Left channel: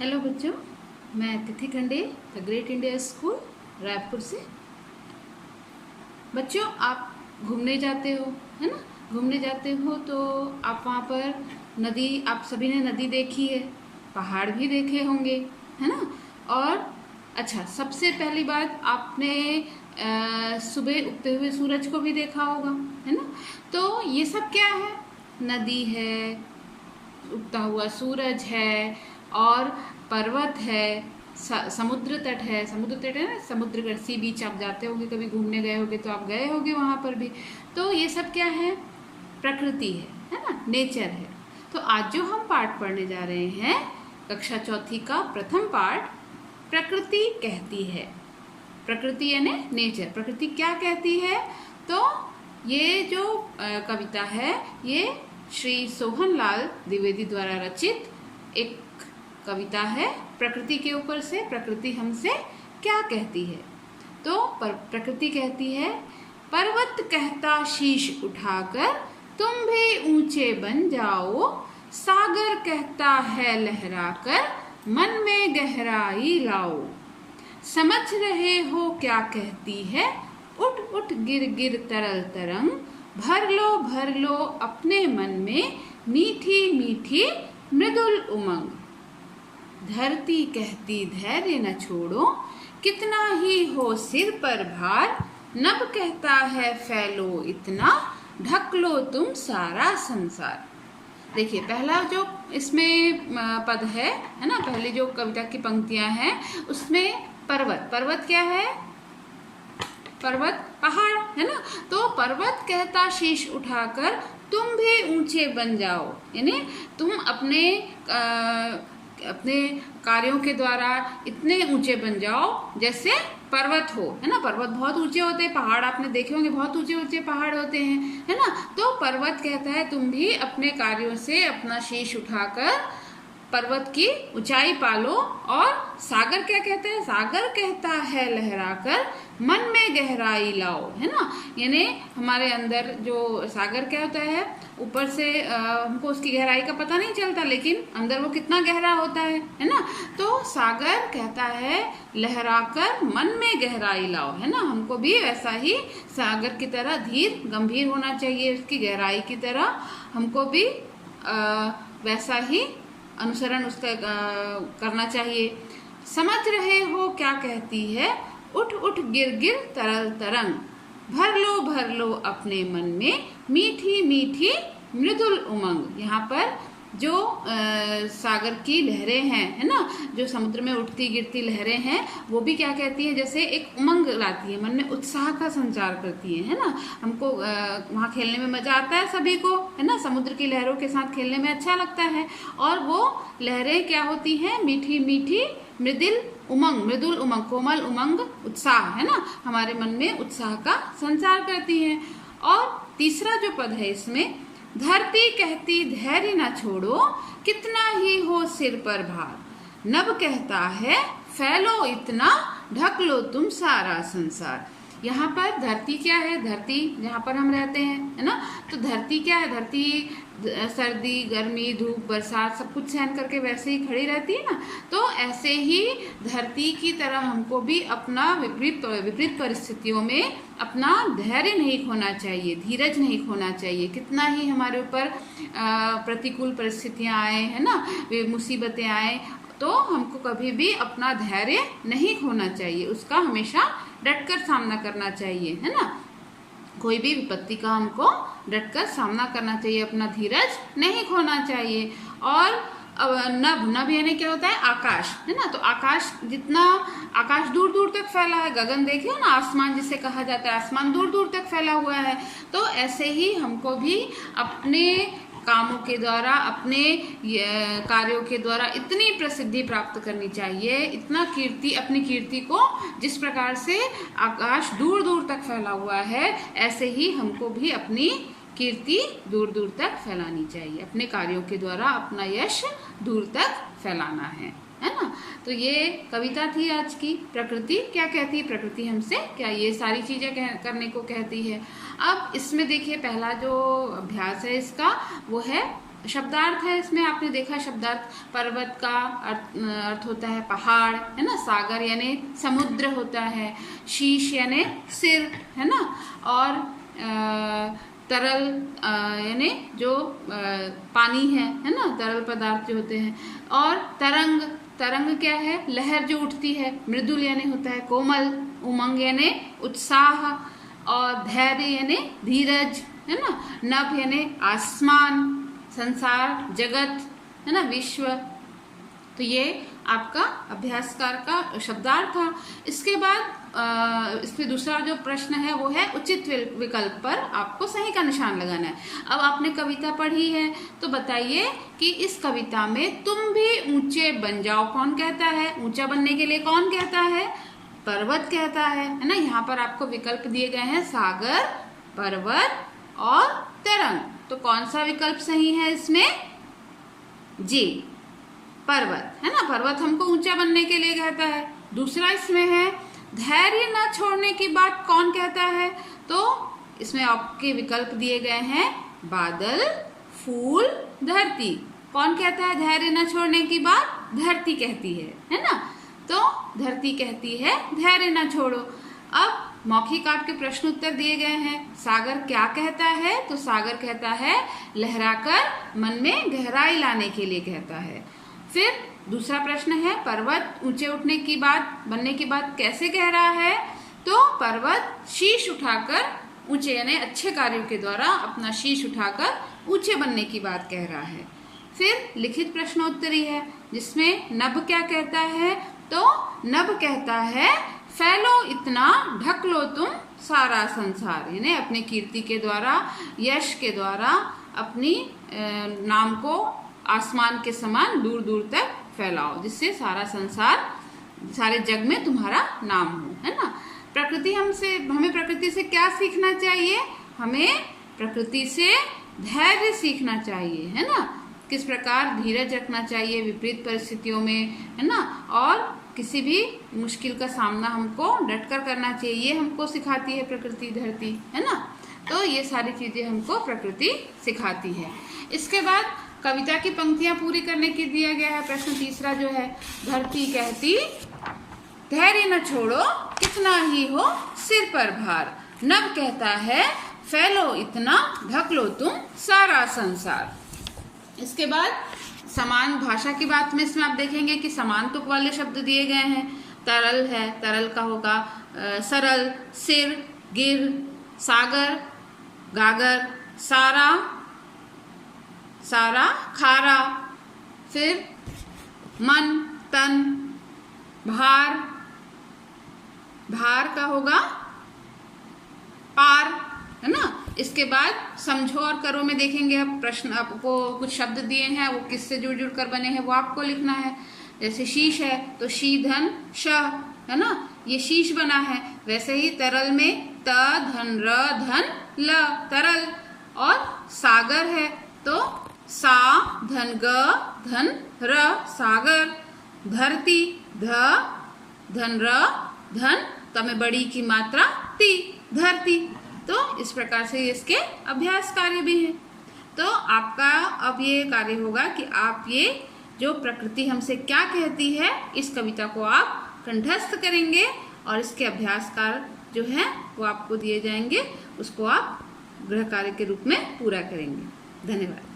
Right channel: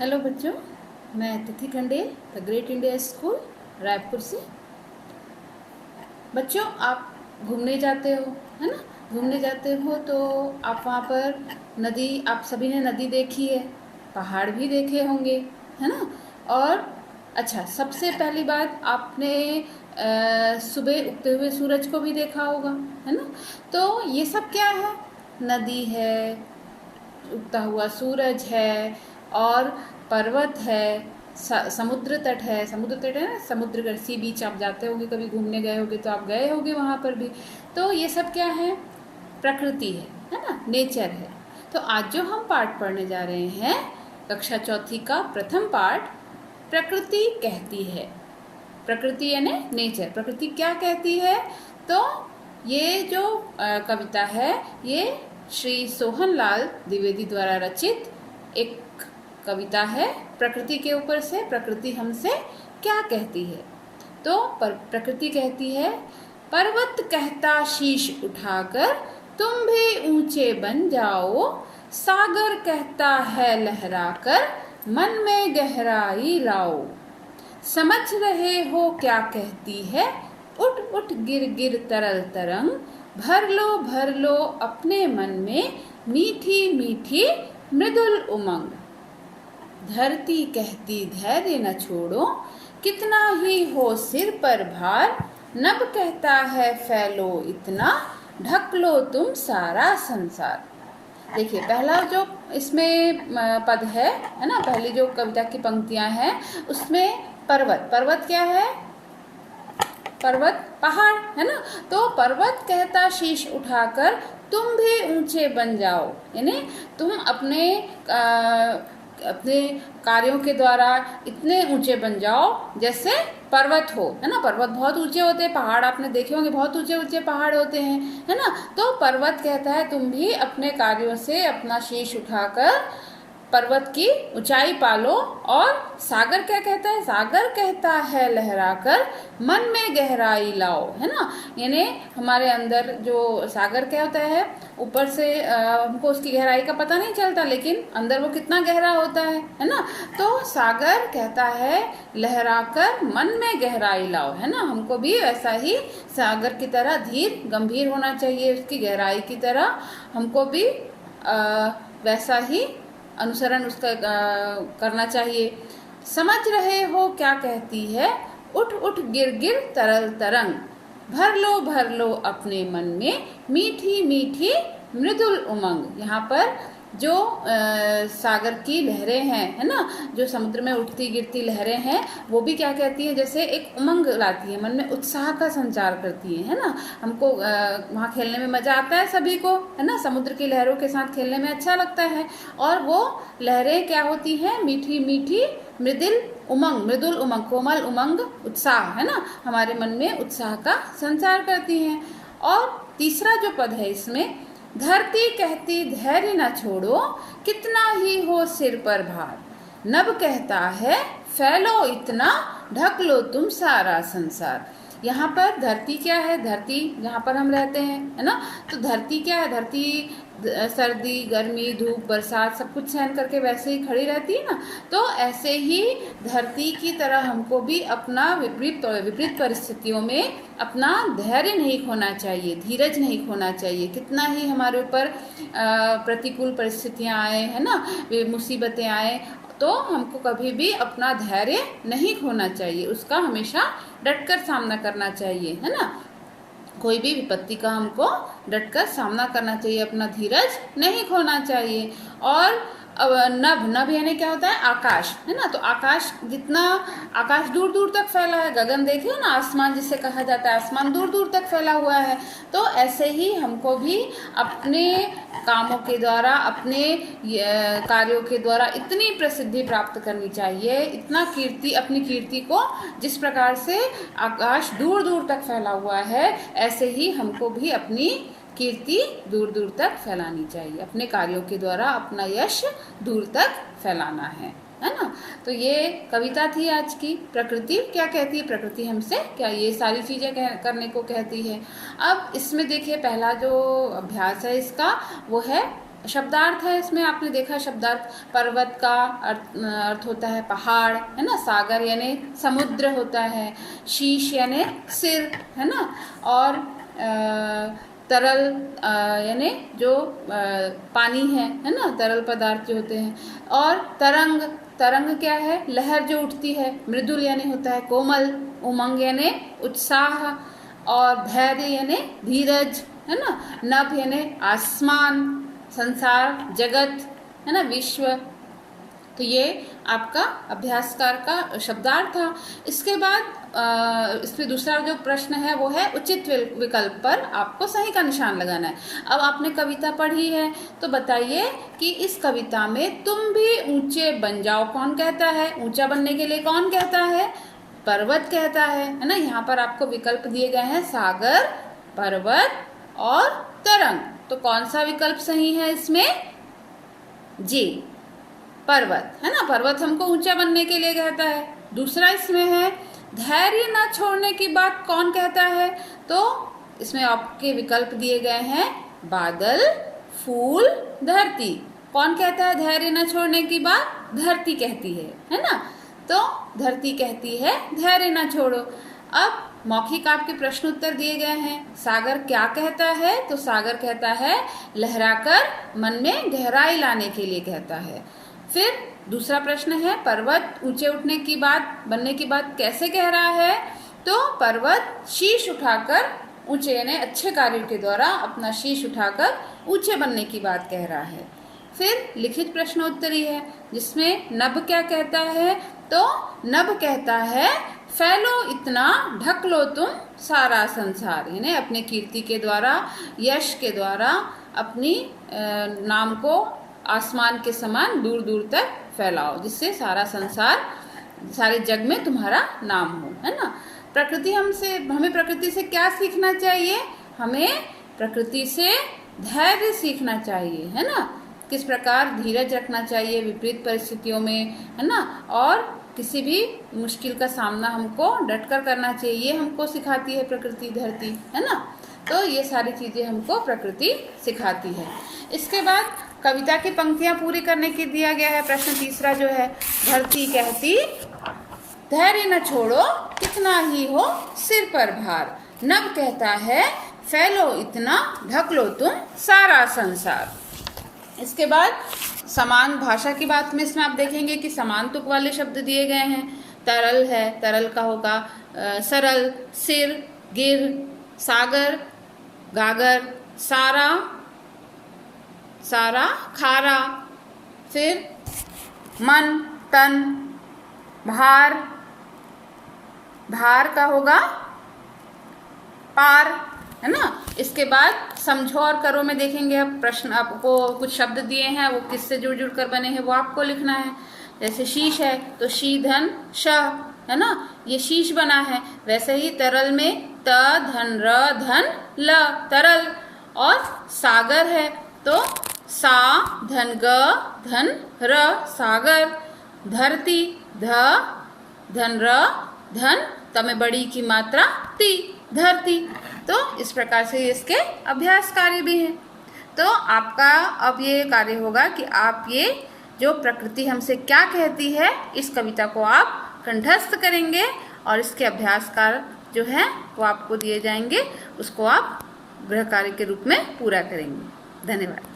Hello बच्चों, मैं Tithi Khandel the great India school Raipur से। बच्चों, आप घूमने जाते हो, है ना? घूमने जाते हो तो आप वहाँ पर नदी, आप सभी ने नदी देखी है, पहाड़ भी देखे होंगे, है ना? और अच्छा, सबसे पहली बात आपने सुबह उगते हुए सूरज को भी देखा होगा, है ना? तो ये सब क्या है? नदी है, उगता हुआ सूरज है और पर्वत है, समुद्र तट है। समुद्र तट है ना, समुद्र का सी बीच आप जाते होंगे, कभी घूमने गए होंगे तो आप गए होंगे वहाँ पर भी। तो ये सब क्या है? प्रकृति है ना, नेचर है। तो आज जो हम पाठ पढ़ने जा रहे हैं, कक्षा चौथी का प्रथम पाठ, प्रकृति कहती है। प्रकृति यानी नेचर, प्रकृति क्या कहती है? तो ये जो कविता है, ये श्री सोहनलाल द्विवेदी द्वारा रचित एक कविता है प्रकृति के ऊपर से। प्रकृति हमसे क्या कहती है? तो प्रकृति कहती है, पर्वत कहता शीश उठाकर तुम भी ऊंचे बन जाओ, सागर कहता है लहराकर मन में गहराई लाओ। समझ रहे हो क्या कहती है? उठ उठ गिर गिर तरल तरंग, भर लो अपने मन में मीठी मीठी मृदुल उमंग। धरती कहती धैर्य न छोड़ो, कितना ही हो सिर पर भार, नभ कहता है फैलो इतना, ढक लो तुम सारा संसार। देखिए, पहला जो इसमें पद है ना, पहली जो कविता की पंक्तियां हैं उसमें पर्वत, पर्वत क्या है? पर्वत पहाड़, है ना? तो पर्वत कहता शीश उठाकर तुम भी ऊंचे बन जाओ, यानी तुम अपने कार्यों के द्वारा इतने ऊंचे बन जाओ जैसे पर्वत हो, है ना? पर्वत बहुत ऊंचे होते हैं, पहाड़ आपने देखे होंगे, बहुत ऊंचे ऊंचे पहाड़ होते हैं, है ना? तो पर्वत कहता है तुम भी अपने कार्यों से अपना शीश उठाकर पर्वत की ऊंचाई पालो। और सागर क्या कहता है? सागर कहता है लहराकर मन में गहराई लाओ, है ना? यानी हमारे अंदर जो सागर क्या होता है, ऊपर से हमको उसकी गहराई का पता नहीं चलता, लेकिन अंदर वो कितना गहरा होता है ना? तो सागर कहता है लहराकर मन में गहराई लाओ, है ना? हमको भी वैसा ही सागर की तरह धीर गंभीर होना चाहिए, उसकी गहराई की तरह हमको भी वैसा ही अनुसरण उसका करना चाहिए। समझ रहे हो क्या कहती है? उठ उठ गिर गिर तरल तरंग, भर लो अपने मन में मीठी मीठी मृदुल उमंग। यहाँ पर जो सागर की लहरें हैं, है ना, जो समुद्र में उठती गिरती लहरें हैं, वो भी क्या कहती है? जैसे एक उमंग लाती है, मन में उत्साह का संचार करती है ना? हमको वहाँ खेलने में मजा आता है सभी को, है ना? समुद्र की लहरों के साथ खेलने में अच्छा लगता है। और वो लहरें क्या होती हैं? मीठी मीठी मृदुल उमंग, कोमल उमंग, उत्साह, है ना? हमारे मन में उत्साह का संचार करती हैं। और तीसरा जो पद है इसमें, धरती कहती धैर्य न छोड़ो, कितना ही हो सिर पर भार, नभ कहता है फैलो इतना, ढक लो तुम सारा संसार। यहाँ पर धरती क्या है? धरती जहाँ पर हम रहते हैं, है ना? तो धरती क्या है? धरती सर्दी, गर्मी, धूप, बरसात सब कुछ सहन करके वैसे ही खड़ी रहती है ना? तो ऐसे ही धरती की तरह हमको भी अपना विपरीत परिस्थितियों में अपना धैर्य नहीं खोना चाहिए, धीरज नहीं खोना चाहिए। कितना ही हमारे ऊपर प्रतिकूल परिस्थितियां आए, है ना, मुसीबतें आए, तो हमको कभी भी अपना धैर्य नहीं खोना चाहिए, उसका हमेशा डटकर सामना करना चाहिए, है ना? कोई भी विपत्ति का हमको डटकर सामना करना चाहिए, अपना धीरज नहीं खोना चाहिए। और नभ यानी क्या होता है? आकाश, है ना? तो आकाश आकाश दूर दूर तक फैला है, गगन देखिए ना, आसमान जिसे कहा जाता है, आसमान दूर दूर तक फैला हुआ है। तो ऐसे ही हमको भी अपने कामों के द्वारा, अपने कार्यों के द्वारा इतनी प्रसिद्धि प्राप्त करनी चाहिए, इतना कीर्ति, अपनी कीर्ति को जिस प्रकार से आकाश दूर दूर तक फैला हुआ है, ऐसे ही हमको भी अपनी कीर्ति दूर दूर तक फैलानी चाहिए, अपने कार्यों के द्वारा अपना यश दूर तक फैलाना है ना? तो ये कविता थी आज की, प्रकृति क्या कहती है, प्रकृति हमसे क्या ये सारी चीजें करने को कहती है। अब इसमें देखिए, पहला जो अभ्यास है इसका वो है शब्दार्थ है इसमें, आपने देखा शब्दार्थ, पर्वत का अर्थ होता है पहाड़, है ना। सागर यानी समुद्र होता है। शीश यानी सिर, है ना। और तरल यानी जो पानी है ना, तरल पदार्थ जो होते हैं। और तरंग, तरंग क्या है, लहर जो उठती है। मृदुल यानी होता है कोमल। उमंग यानी उत्साह। और धैर्य यानी धीरज, है ना। नभ यानी आसमान, संसार, जगत, है ना, विश्व। तो ये आपका अभ्यासकार का शब्दार्थ था। इसके बाद इसमें दूसरा जो प्रश्न है वो है उचित विकल्प पर आपको सही का निशान लगाना है। अब आपने कविता पढ़ी है तो बताइए कि इस कविता में तुम भी ऊंचे बन जाओ कौन कहता है? ऊंचा बनने के लिए कौन कहता है? पर्वत कहता है ना। यहाँ पर आपको विकल्प दिए गए हैं सागर, पर्वत और तरंग। तो कौन सा विकल्प सही है इसमें? जी, पर्वत, है ना। पर्वत हमको ऊंचा बनने के लिए कहता है। दूसरा इसमें है धैर्य न छोड़ने की बात कौन कहता है? तो इसमें आपके विकल्प दिए गए हैं बादल, फूल, धरती। कौन कहता है धैर्य न छोड़ने की बात? धरती कहती है ना। तो धरती कहती है धैर्य न छोड़ो। अब मौखिक आपके प्रश्न उत्तर दिए गए हैं। सागर क्या कहता है? तो सागर कहता है लहराकर मन में गहराई लाने के लिए कहता है। फिर दूसरा प्रश्न है पर्वत ऊंचे उठने की बात, बनने की बात कैसे कह रहा है? तो पर्वत शीश उठाकर ऊंचे यानी अच्छे कार्यों के द्वारा अपना शीश उठाकर ऊंचे बनने की बात कह रहा है। फिर लिखित प्रश्नोत्तरी है जिसमें नभ क्या कहता है? तो नभ कहता है फैलो इतना, ढक लो तुम सारा संसार, यानी अपने कीर्ति के द्वारा, यश के द्वारा अपनी नाम को आसमान के समान दूर दूर तक फैलाओ, जिससे सारा संसार, सारे जग में तुम्हारा नाम हो, है ना। प्रकृति हमें प्रकृति से क्या सीखना चाहिए? हमें प्रकृति से धैर्य सीखना चाहिए, है ना। किस प्रकार धीरज रखना चाहिए विपरीत परिस्थितियों में, है ना। और किसी भी मुश्किल का सामना हमको डटकर करना चाहिए, हमको सिखाती है प्रकृति, धरती, है ना। तो ये सारी चीजें हमको प्रकृति सिखाती है। इसके बाद कविता की पंक्तियां पूरी करने के दिया गया है। प्रश्न तीसरा जो है, धरती कहती धैर्य न छोड़ो कितना ही हो सिर पर भार, नभ कहता है फैलो इतना, ढक लो तुम सारा संसार। इसके बाद समान भाषा की बात में इसमें आप देखेंगे कि समान तुक वाले शब्द दिए गए हैं। तरल है, तरल का होगा सरल, सिर, गिर, सागर, गागर, सारा, सारा, खारा। फिर मन, तन, भार, भार का होगा पार, है ना। इसके बाद समझो और करो में देखेंगे। अब प्रश्न आपको कुछ शब्द दिए हैं, वो किससे जुड़ जुड़ कर बने हैं वो आपको लिखना है। जैसे शीश है तो शी धन श, है ना, ये शीश बना है। वैसे ही तरल में त धन र धन ल, तरल। और सागर है तो सा धन ग धन र, सागर। धरती ध धन र धन, तमें बड़ी की मात्रा ती, धरती। तो इस प्रकार से इसके अभ्यास कार्य भी हैं। तो आपका अब ये कार्य होगा कि आप ये जो प्रकृति हमसे क्या कहती है इस कविता को आप कंठस्थ करेंगे और इसके अभ्यास कार्य जो है वो आपको दिए जाएंगे, उसको आप गृह कार्य के रूप में पूरा करेंगे। धन्यवाद।